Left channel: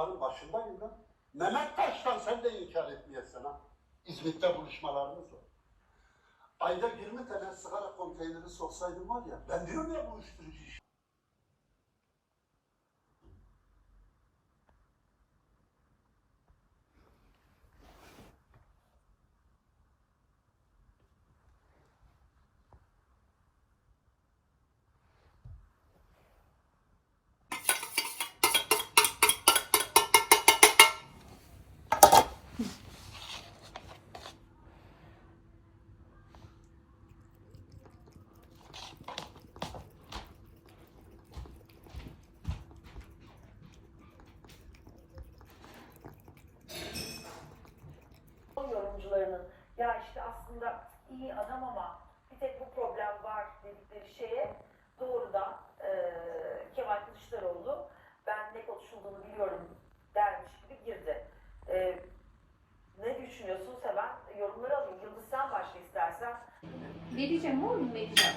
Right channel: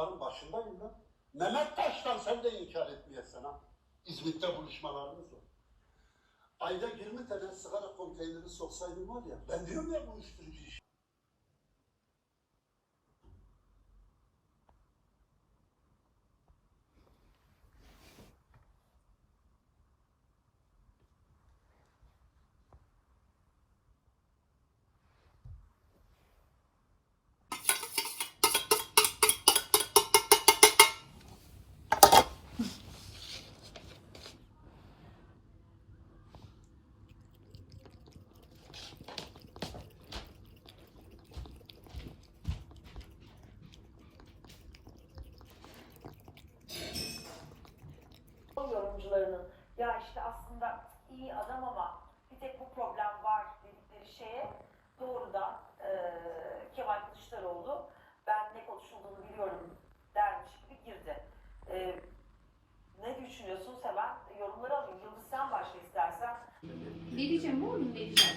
bunların başındayım lan. Mehmet Taş'tan sen de inkar etmeyesin ha. İzmit'te buluşmalarımız var. Ayda 20 tane sigara konteyneri soksaydım var ya, ben diyorum ya bu uyuşturucu iş. Ya işte aslında iyi adam ama bir tek bu problem var dedikleri şeye doğrudan eee Kemal Kılıçdaroğlu ben ne konuşulduğunu biliyorum dermiş gibi girdi. Eee, ne düşünüyorsunuz hemen yorumları alayım. Yıldız sen başla istersen. Ne diyeceğim oğlum ne güzel.